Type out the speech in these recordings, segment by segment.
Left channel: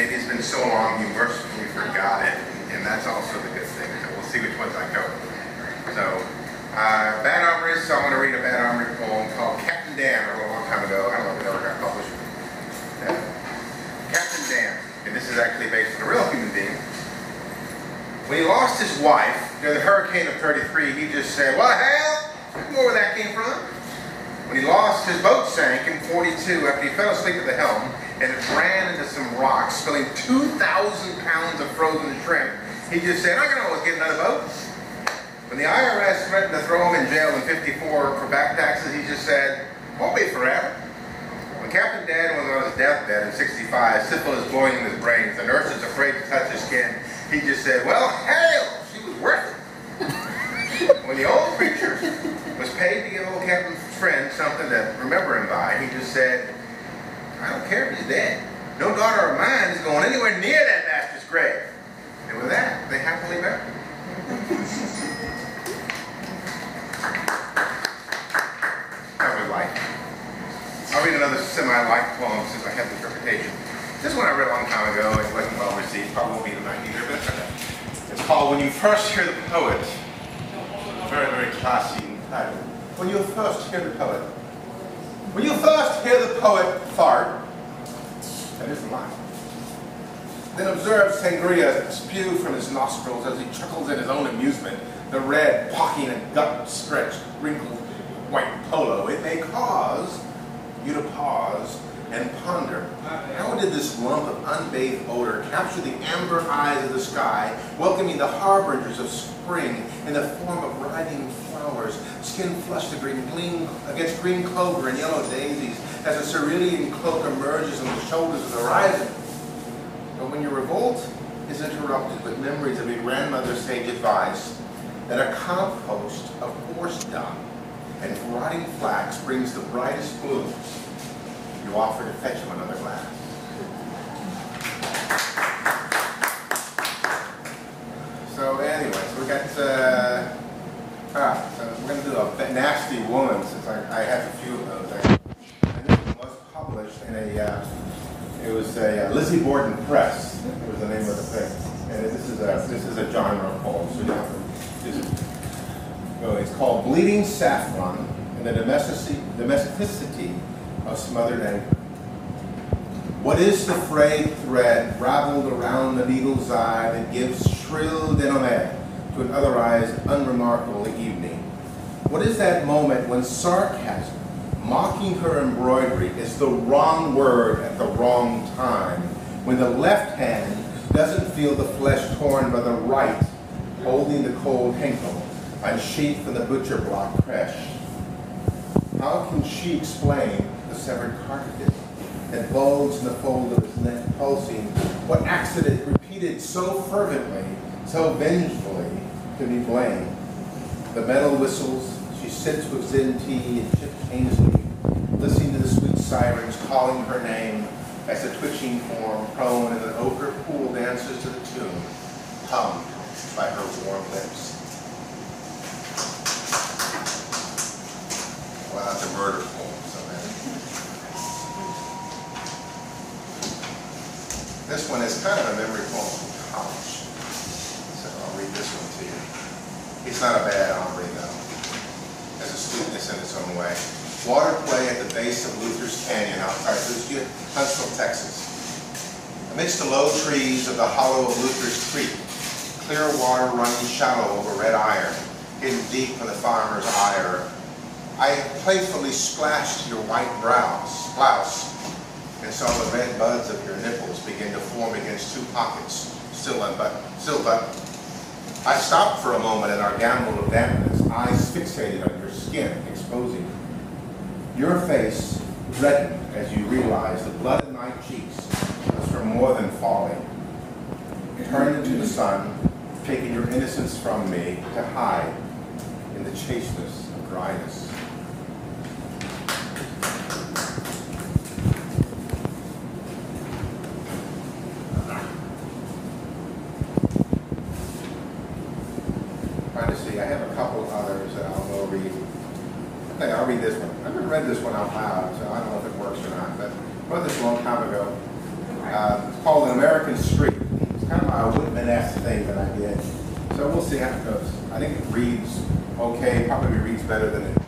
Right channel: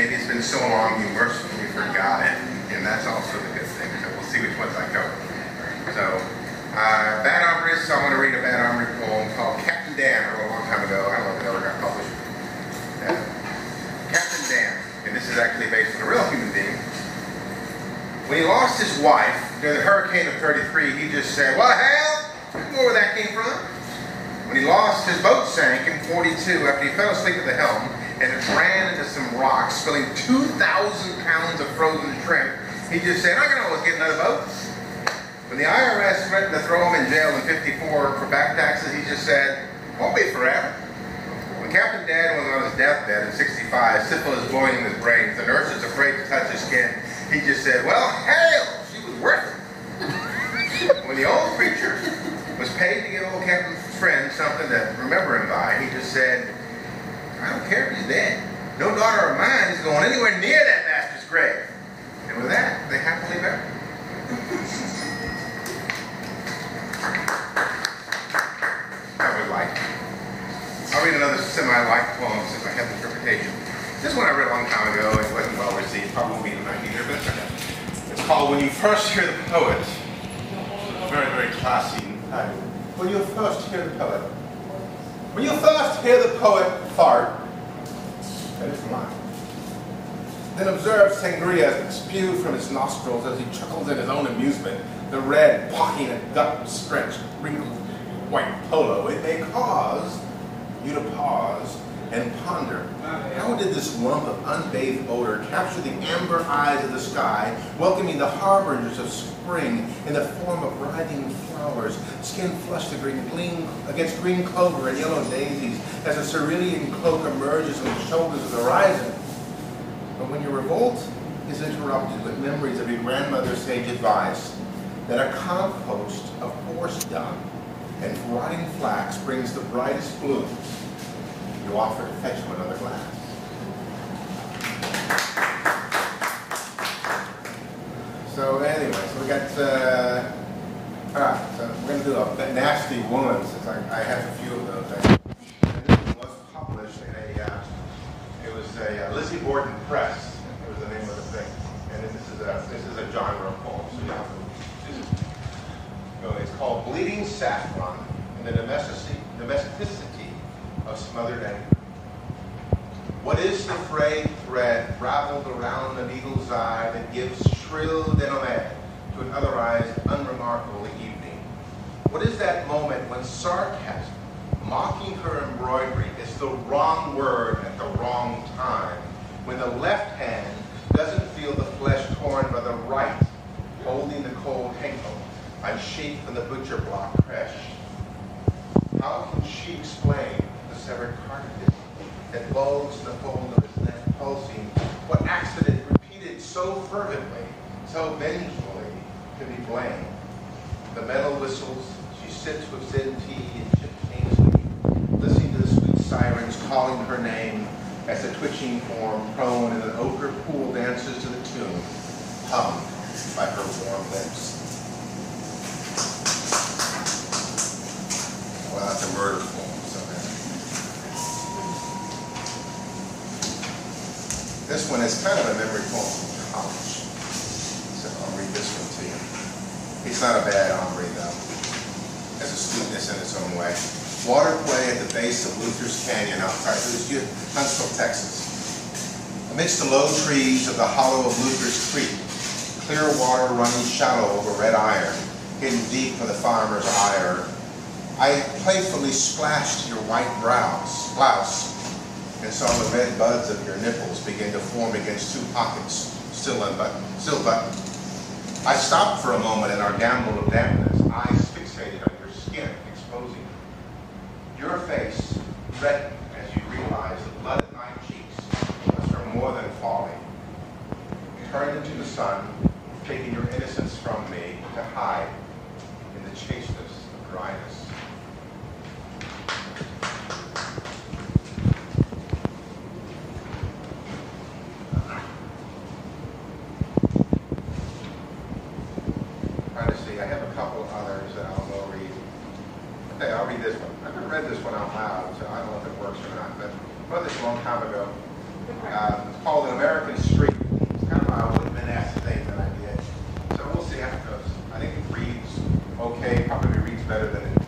maybe it's been so long you mercifully forgot it, and that's also the good thing. So we'll see which ones I cover. So, Bad Hombres, so I'm going to read a Bad Hombre poem called Captain Dan. I wrote a long time ago. I don't know if it ever got published. Captain Dan, and this is actually based on a real human being. When he lost his wife during the hurricane of '33, he just said, "What the hell? You know where that came from?" When he lost, his boat sank in '42 after he fell asleep at the helm and it ran into some rocks, spilling 2,000 pounds of frozen shrimp. He just said, "I can always get another boat." When the IRS threatened to throw him in jail in '54 for back taxes, he just said, "Won't be forever." When Captain Dan was on his deathbed at 65, syphilis blowing in his brains, the nurses afraid to touch his skin, he just said, "Well, hell, she was worth it." When the old preacher was paid to give old Captain's friend something to remember him by, he just said, "I don't care if he's dead. No daughter of mine is going anywhere near that bastard's grave." And with that, they happily married. That was like. I'll read another semi-light poem since I have this reputation. This one I read a long time ago. It wasn't well received. Probably won't be tonight either, but it's okay. It's called When You First Hear the Poet. Very, very classy title. When you first hear the poet. When you first hear the poet fart, that is mine. Then observe sangria spew from his nostrils as he chuckles at his own amusement, the red, pocking and gut-stretched, wrinkled white polo. It may cause you to pause and ponder. How did this lump of unbathed odor capture the amber eyes of the sky, welcoming the harbingers of spring in the form of writhing flowers, skin flushed against green clover and yellow daisies, as a cerulean cloak emerges on the shoulders of the horizon? But when your revolt is interrupted with memories of your grandmother's sage advice that a compost of horse dung and rotting flax brings the brightest blooms, you offer to fetch you another glass. So anyways, we got, so we're going to do a nasty woman, since I have a few of those there. And this was published in it was a Lizzie Borden Press. It was the name of the thing. And this is a genre poem, so you have to just, it's called Bleeding Saffron and the Domesticity of Smothered Anger. What is the frayed thread raveled around the needle's eye that gives shrill denouement to an otherwise unremarkable evening? What is that moment when sarcasm, mocking her embroidery, is the wrong word at the wrong time, when the left hand doesn't feel the flesh torn by the right, holding the cold hinkle, unsheathed from the butcher block fresh? How can she explain the severed cartilage that bulged in the fold of his neck pulsing? What accident repeated so fervently, so vengefully, to be blamed? The metal whistles, she sits with Zen tea and chip changes, listening to the sweet sirens calling her name as the twitching form prone in an ochre pool dances to the tune, hummed by her warm lips. Well, that's a murder poem, so this one is kind of a memory poem from college. So I'll read this one to you. It's not a bad hombre, though. It has a sweetness in its own way. Water play at the base of Luther's Canyon outside Huntsville, Texas. Amidst the low trees of the hollow of Luther's Creek, clear water running shallow over red iron, hidden deep for the farmer's ire, I playfully splashed your white blouse and saw the red buds of your nipples begin to form against two pockets, still unbuttoned. I stopped for a moment in our gamble of dampness, eyes fixated on your skin, exposing it. Your face reddened as you realized the blood in my cheeks was from more than falling. Turned into the sun, taking your innocence from me to hide in the chasteness of dryness. Trying to see, I have a couple others that I'll go read. Okay, I'll read this one. I haven't read this one out loud, so I don't know if it works or not, but I wrote this a long time ago. It's called An American Street. It's kind of a Whitman-esque thing that I did. So we'll see how it goes. I think it reads okay, probably reads better than it's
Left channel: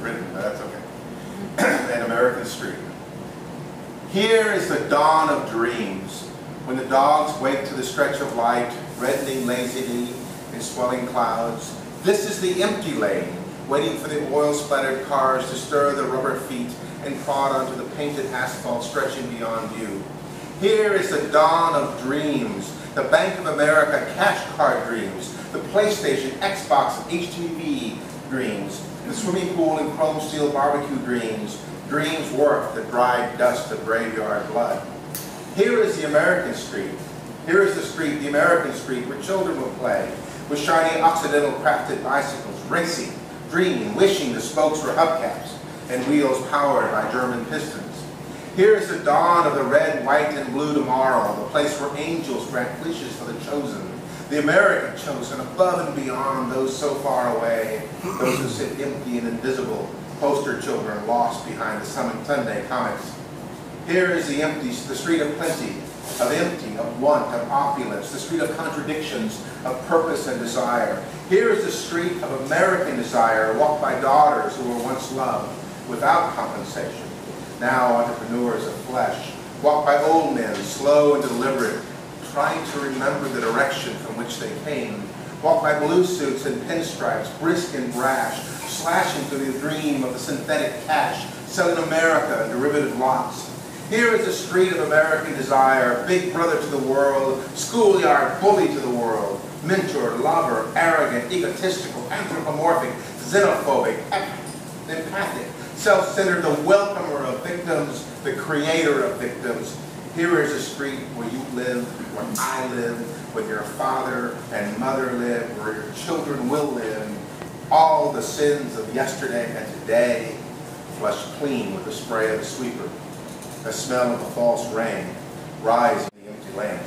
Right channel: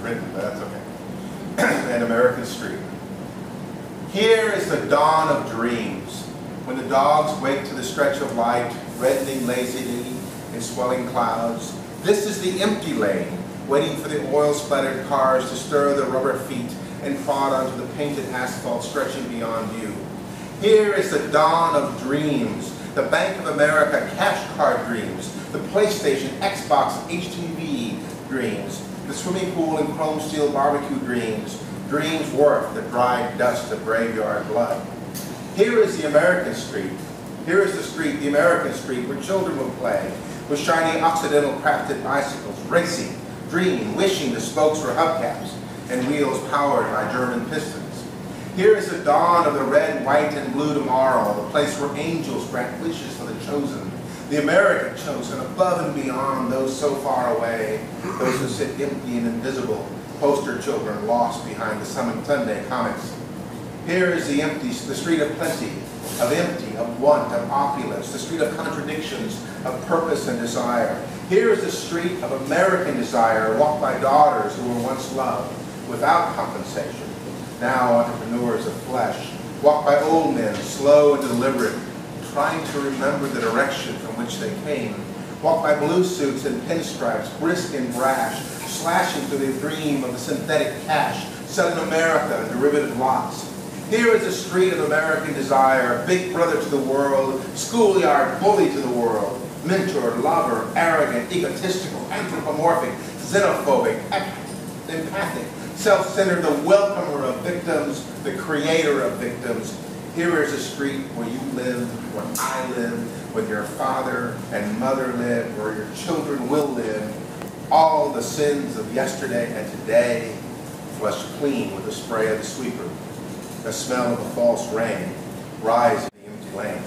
written, but that's okay. An American Street. Here is the dawn of dreams, when the dogs wake to the stretch of light, reddening lazily in swelling clouds. This is the empty lane, waiting for the oil-splattered cars to stir their rubber feet and prod onto the painted asphalt stretching beyond view. Here is the dawn of dreams, the Bank of America cash card dreams, the PlayStation, Xbox, HTV dreams, the swimming pool and chrome steel barbecue dreams, dreams worth the dried dust of graveyard blood. Here is the American street. Here is the street, the American street, where children will play, with shiny Occidental crafted bicycles, racing, dreaming, wishing the spokes were hubcaps, and wheels powered by German pistons. Here is the dawn of the red, white, and blue tomorrow, the place where angels grant wishes for the chosen, the America chosen, above and beyond those so far away, those who sit empty and invisible, poster children lost behind the Sunday comics. Here is the street of plenty, of empty, of want, of opulence, the street of contradictions, of purpose and desire. Here is the street of American desire, walked by daughters who were once loved without compensation, now entrepreneurs of flesh, walked by old men, slow and deliberate, trying to remember the direction from which they came, walked by blue suits and pinstripes, brisk and brash, slashing through the dream of the synthetic cash, selling America derivative lots. Here is the street of American desire, big brother to the world, schoolyard bully to the world, mentor, lover, arrogant, egotistical, anthropomorphic, xenophobic, empathic, self-centered, the welcomer of victims, the creator of victims. Here is a street where you live, where I live, where your father and mother live, where your children will live. All the sins of yesterday and today flushed clean with the spray of the sweeper. The smell of the false rain rise in the empty lane.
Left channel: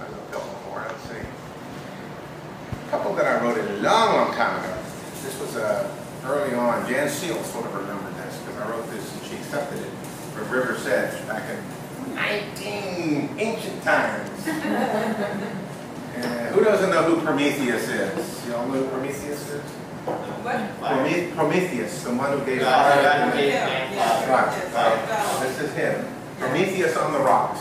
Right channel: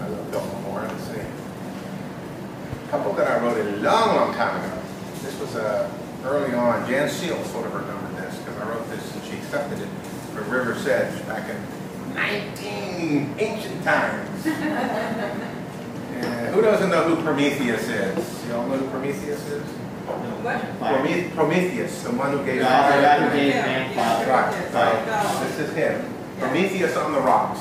I love a couple more. Let's see. A couple that I wrote a long time ago. This was early on. Jan Seal sort of remembered this because I wrote this and she accepted it for River's Edge back in ancient times. Who doesn't know who Prometheus is? You all know who Prometheus is? What? Prometheus, the one who gave fire. Right. This is him. Prometheus on the rocks.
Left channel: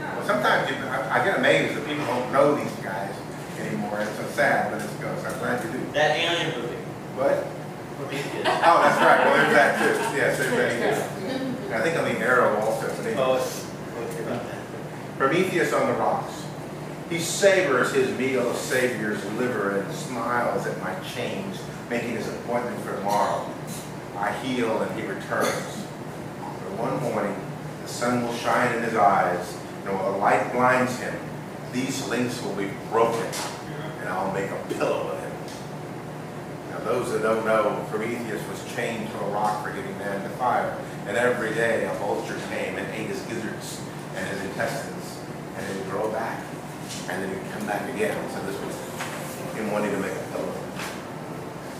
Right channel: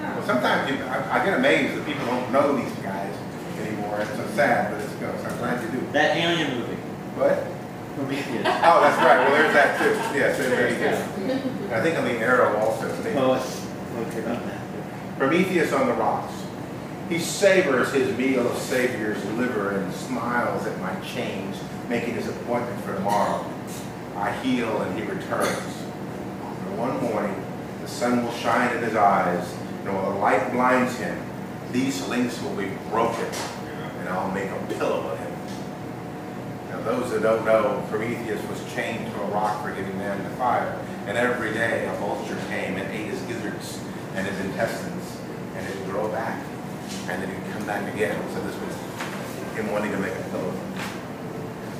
Well, sometimes I get amazed that people don't know these guys anymore. It's so sad, but so I'm glad you do. That alien movie. What? Prometheus. Oh, that's right. Well, there's that too. Yes, there's that too. I think on the Arrow also. Prometheus on the rocks. He savors his meal of Savior's liver and smiles at my change, making his appointment for tomorrow. I heal and he returns. But one morning, the sun will shine in his eyes, and when the light blinds him, these links will be broken, and I'll make a pillow of him. Now, those that don't know, Prometheus was chained to a rock for giving man to fire, and every day a vulture came and ate his gizzards and his intestines, and it would grow back. And then he'd come back again. So this was him wanting to make a pillow.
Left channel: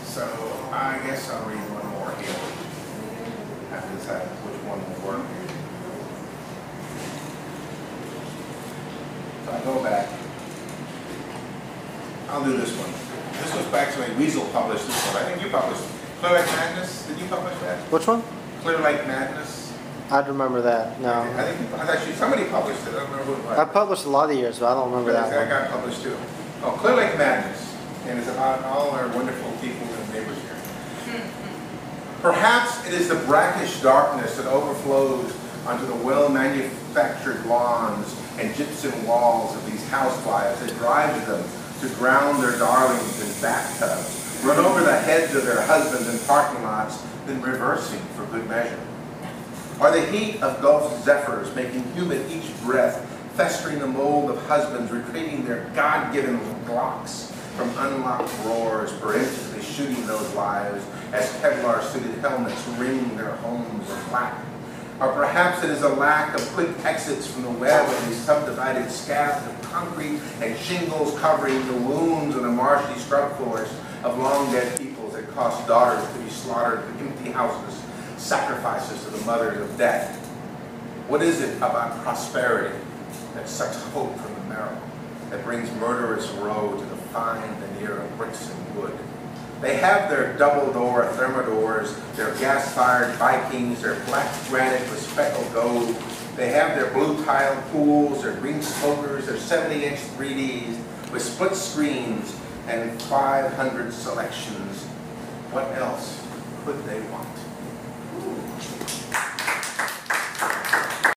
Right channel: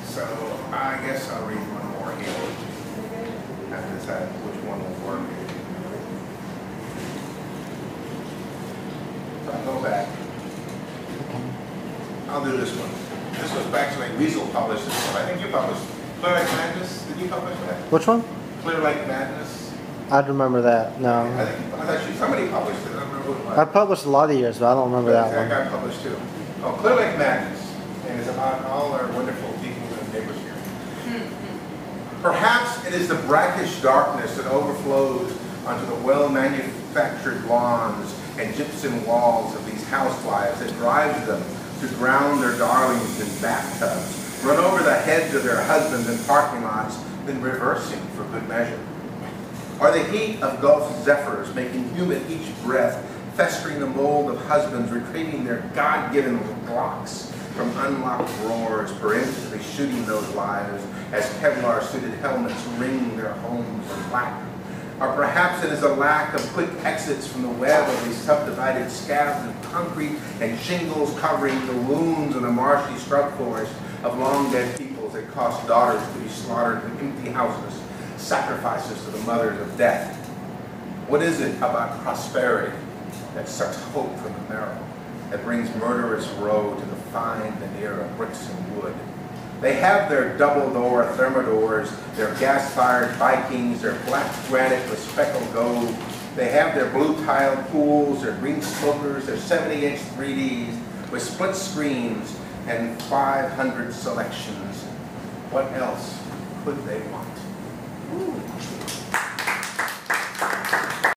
So I guess I'll read one more here. I have to decide which one will work. So I go back. I'll do this one. This was actually Weasel published this one. I think you published Clear Lake Madness. Did you publish that? Which one? Clear Lake Madness. I'd remember that. No. I thought somebody published it. I don't remember who it was. I published a lot of years, but I don't remember that one. That got published too. Oh, Clear Lake Madness. And it's about all our wonderful people and neighbors here. Perhaps it is the brackish darkness that overflows onto the well-manufactured lawns and gypsum walls of these housewives that drives them to drown their darlings in bathtubs, run over the heads of their husbands in parking lots, then reversing for good measure. Or the heat of Gulf zephyrs making humid each breath, festering the mold of husbands, retrieving their God-given Glocks from unlocked drawers, forensically shooting those lives as Kevlar-suited helmets ring their homes in black. Or perhaps it is a lack of quick exits from the web of these subdivided scabs of concrete and shingles covering the wounds in a marshy scrub forest of long-dead peoples that cause daughters to be slaughtered in empty houses, sacrifices to the mothers of death? What is it about prosperity that sucks hope from the marrow, that brings murderous row to the fine veneer of bricks and wood? They have their double-door thermidors, their gas-fired Vikings, their black granite with speckled gold. They have their blue-tiled pools, their green smokers, their 70-inch 3Ds with split screens and 500 selections. What else could they want? Ooh.